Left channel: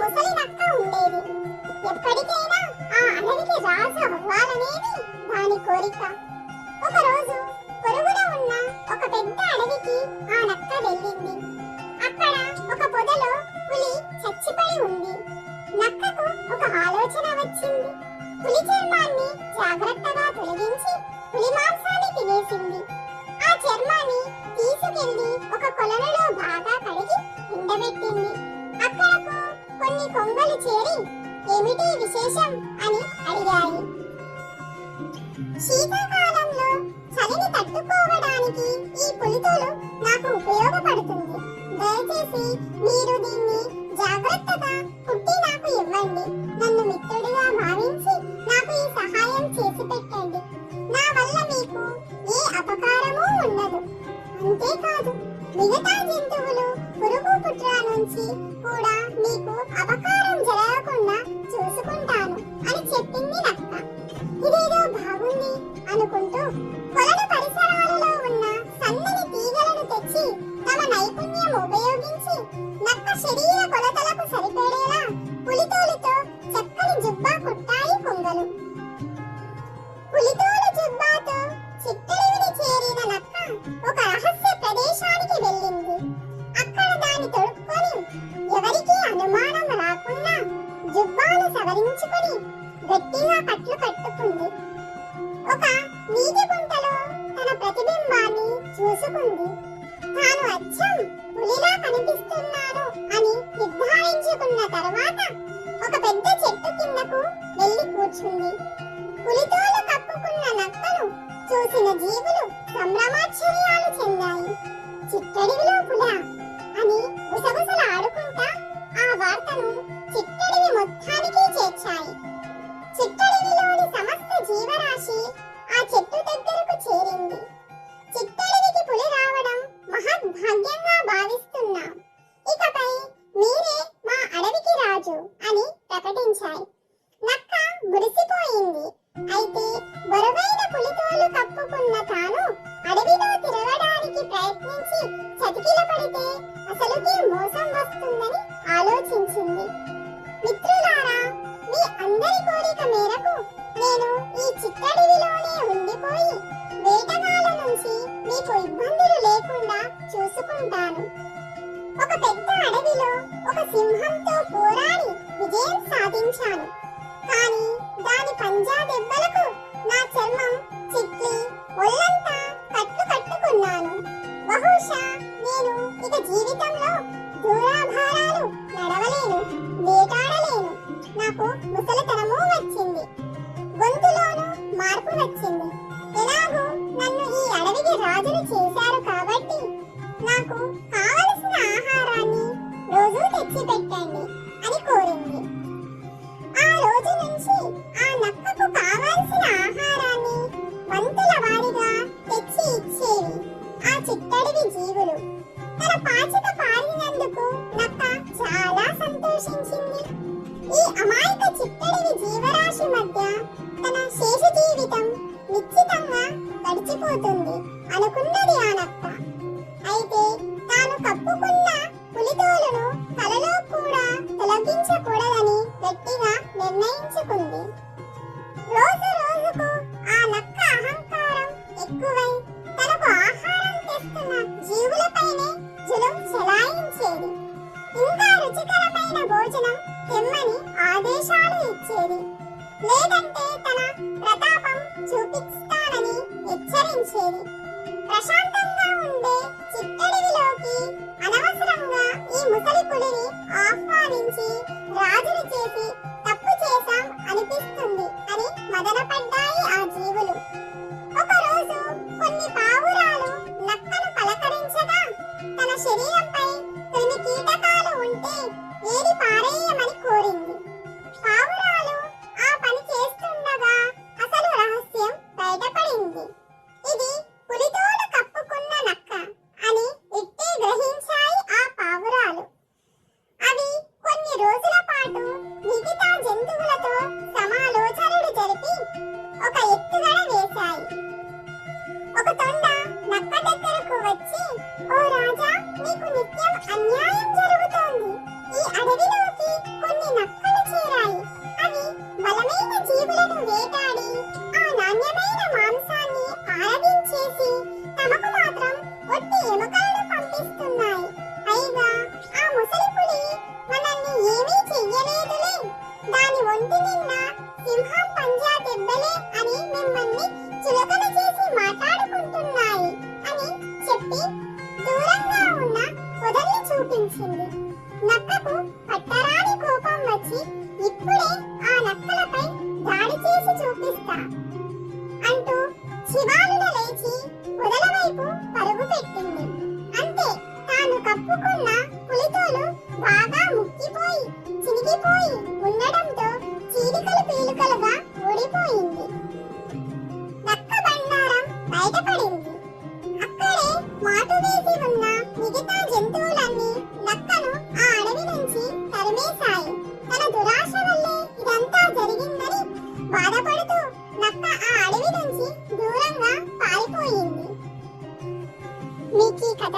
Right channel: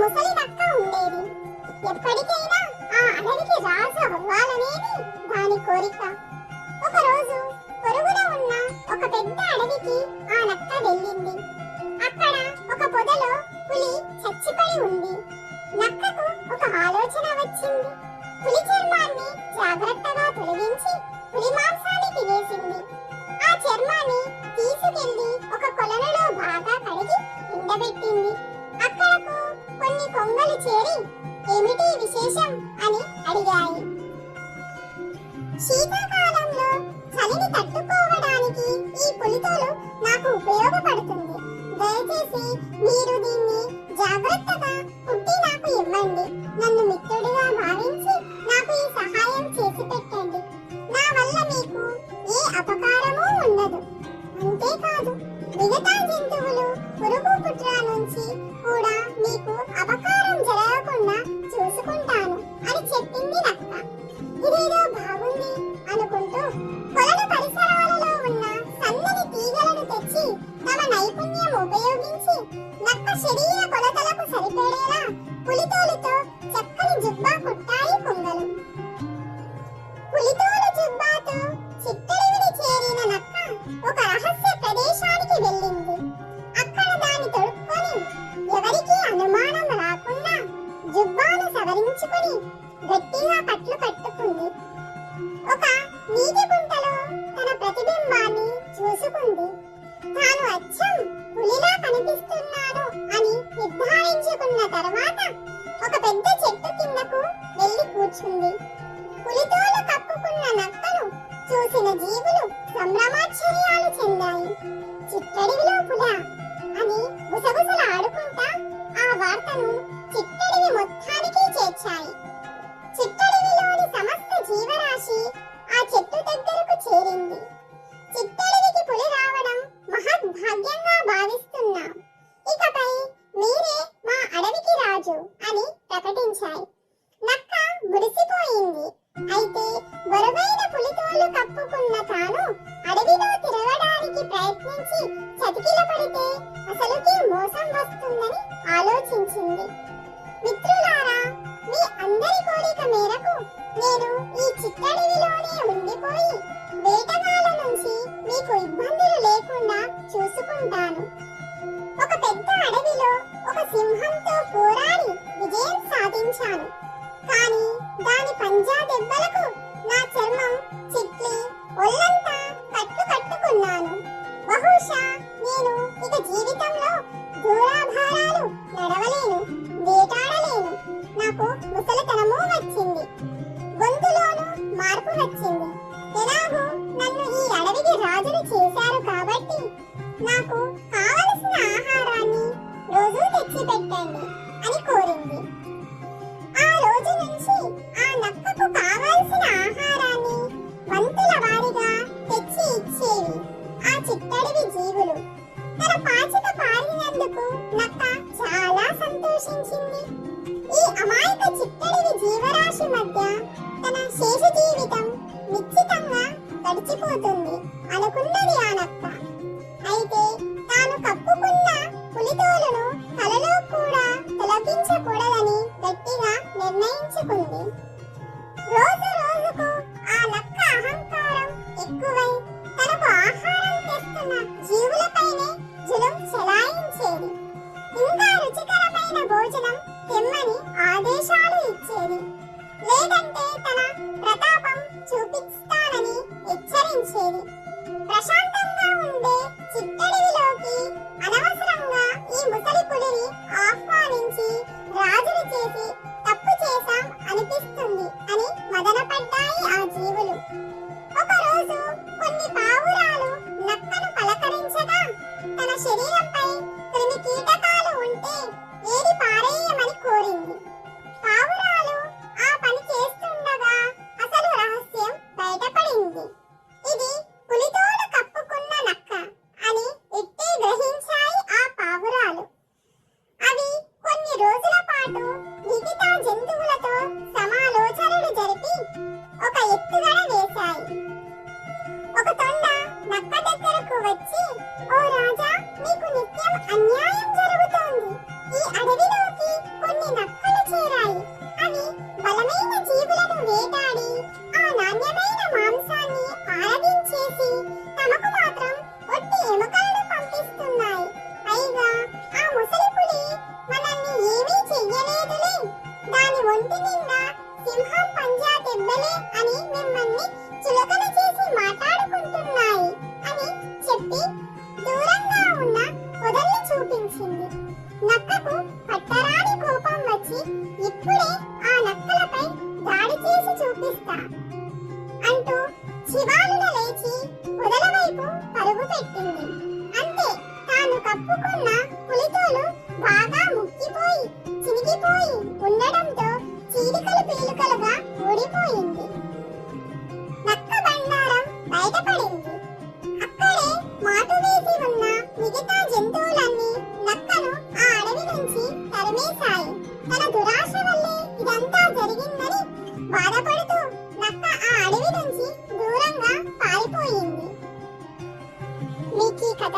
ముసలి నక్క ఉండేది. ఎప్పటికైనా ఆ అడవికి రాజు అవ్వాలనేది దాని కోరిక. ఒకరోజు పొరుగున ఉన్న ఒక పెద్ద అడవికి ఆ నక్క వెళ్ళింది. అక్కడ ఒక పొదలో పులి చచ్చిపడి ఉంది. నక్కకు ఒక ఆలోచన వచ్చింది. పులి చర్మాన్ని జాగ్రత్తగా తొలగించి పులి మాంసాన్ని తినేసింది. ఆ చర్మాన్ని తీసుకెళ్లి ఒక కొలనులో బాగా కడిగి ఎండబెట్టింది. అక్కడకు కొన్ని కొంగలు చేరి ఏమిటి విశేషం అని అడిగాయి. శీతాకాలంలో చలిని తట్టుకోవడానికి ఈ పులితోలు నాకు ఉపయోగపడుతుంది. దయచేసి మీరు దీన్ని జాగ్రత్తగా కుట్టి నాకు ఇవ్వండి. నన్ను మిత్రుడిగా భావించి నాకు ఈ సహాయం చేసి పెట్టండి. నా వల్ల మీకు ఏ అపకారమూ ఉండదు. అంతేకాదు మిగతా జంతువులు పురుగు పుట్ర నుంచి కూడా మీకు అపకారం జరగకుండా చూసుకుంటాను అని చెప్పింది నక్క. ఇదేదో బాగుంది అనుకుంటూ కొలను పరిసరాలలో ఉన్న సన్నని తీగలను తెచ్చి తమ నైపుణ్యం ఉపయోగించి నక్క శరీర కొలతలకు సరిపడేలా పులితోలుతో చక్కని జుబ్బా కుట్టాయి కొంగలు. పులితోలు జుబ్బాతో చిట్టడివిని చేరిన నక్క ఒక రహస్య ప్రదేశానికి వెళ్ళింది. అక్కడ దాన్ని తొడుక్కొని ఎవరికీ అనుమానం రాకుండా జుబ్బాను సవరించుకుని గట్టిగా కట్లు కట్టుకుంది. ఒక నీటి గుంటలో తన ప్రతిబింబాన్ని చూసుకుంది. తాను అచ్చం పులిలా కనిపిస్తున్నాను అని నిర్ధారించుకున్న తర్వాత ఒక పెద్ద చెట్టు కిందకు వెళ్లి కూర్చుంది. పులితోలు కప్పుకున్న నక్కను చూసిన జీవులు సంభ్రమాశ్చర్యాలు చెందాయి. చిట్టడివిలో పులా అని గుసగుసలాడుకుంటా ఆ వార్తను చిట్టడివి మొత్తానికి చేర్చాయి. చిట్టడివిలోని సమస్త జీవరాశి ఆ చెట్టు దగ్గరకు చేరింది. చిట్టడివికి పులి రావడం మహద్భాగ్యంగా భావిస్తున్నాం. ఇకపై మీరే మా అడవికి రాజు అని ప్రకటించాయి. నక్క మురిసిపోయింది. అయితే బరువైన పులితోలు కప్పుకున్న తాను అడవిలో తిరగడానికి ప్రయత్నించి చతికిల పడితే అసలుకే మోసం వస్తుందని ఆలోచించింది. మిత్రులారా, మీ అందరి కోరిక మేరకు నేను ఈ చిట్టడివిలోనే ఉండిపోయి వేటగాళ్ళ నుంచి మీకు ఇబ్బందులు లేకుండా చూసుకుంటాను. ఒక పెద్ద అడవిలో ఒక సింహంతో పోరాడి విజయం సాధించాను. కానీ దాని పంజా దెబ్బలకు నా చర్మం చిట్లి ఒళ్ళంతా కట్లు కట్టుకున్నాను. బహుశా నేను ఇక జీవితంలో దూరాభారాలు నడవలేను, వేటాడలేను. నాకు ముసలితనము వచ్చింది. గొంతులోనూ మార్పు వచ్చింది. ఎలాగో నన్ను ఈ అడవికి రాజును చేశారు కాబట్టి నాకు కావలసిన ఆహారాన్ని రోజు తెచ్చి పెట్టండి అని కోరింది. ఆ రోజు నుంచి ఆ నక్కకు కావలసిన ఆహారాన్ని వంతుల వారీగా తెచ్చి ఇచ్చేవి ఆ చిట్టడివి జీవులు. తన పాచిక పారినందుకు నక్క చాలా సంతోషించింది. ఈ అమాయక చిట్టడివి జీవరాశి మధ్య తన శేష జీవితం నిశ్చితంగా గడిచిపోతుంది అనుకున్నది ఆ నక్క. అయితే తాను కప్పుకున్న పులితోలను కలలో కూడా తొలగించకూడదని గట్టిగా నిర్ణయించుకుంది. రోజు రోజుకు ఆ నక్క అహంకారం ఎక్కువై తనకు ఆహారం తెస్తున్న జీవులపైనే జులుం చెలాయించేది. ఇంకా రుచికరమైన భోజనం తెమ్మని ఆదేశాలు ఇచ్చేది. లేదంటే తన ప్రతాపం చూపిస్తానని హెచ్చరించేది. ప్రశాంతంగా ఉండే చిట్టడివిలోకి అనవసరంగా ఈ ముసలి పులిని ఆహ్వానించి రాజుని చేసి తప్పు చేశాం అనిపిస్తుంది అని మదనపడ్డాయి ఆ జీవులు. ఒకరోజు కొన్ని పావురాలు నక్కను పలకరించగా తన శరీరంపై క్రిమి కీటకాలు ఉంటే ఏరి పారేయమని కోరింది. పావురాలు ఆ పని చేస్తుండగా అసలు రహస్యం బయటపడింది. ఇది పులితోలు కప్పుకున్న నక్క అని ఇట్టే గ్రహించాయి ఆ పావురాలు. అవి కొన్ని రోజుల పాటు మిగతా జంతువులతో సమాలోచనలు జరిపి ఒక ఎత్తుగడ వేశాయి. ఒక తొండ నక్క దగ్గరకు వచ్చి, ఓ రాజా, నీకు నిత్యం అన్యాయం జరుగుతోంది. ఈ అడవిలోకి కొన్ని మింగేశాయి. తన దురాశ వల్లే ఇదంతా జరిగిందని బాధపడుతూ నక్క ఆ అడవి నుంచి దూరంగా పారిపోయింది. మీకు ఈ కథ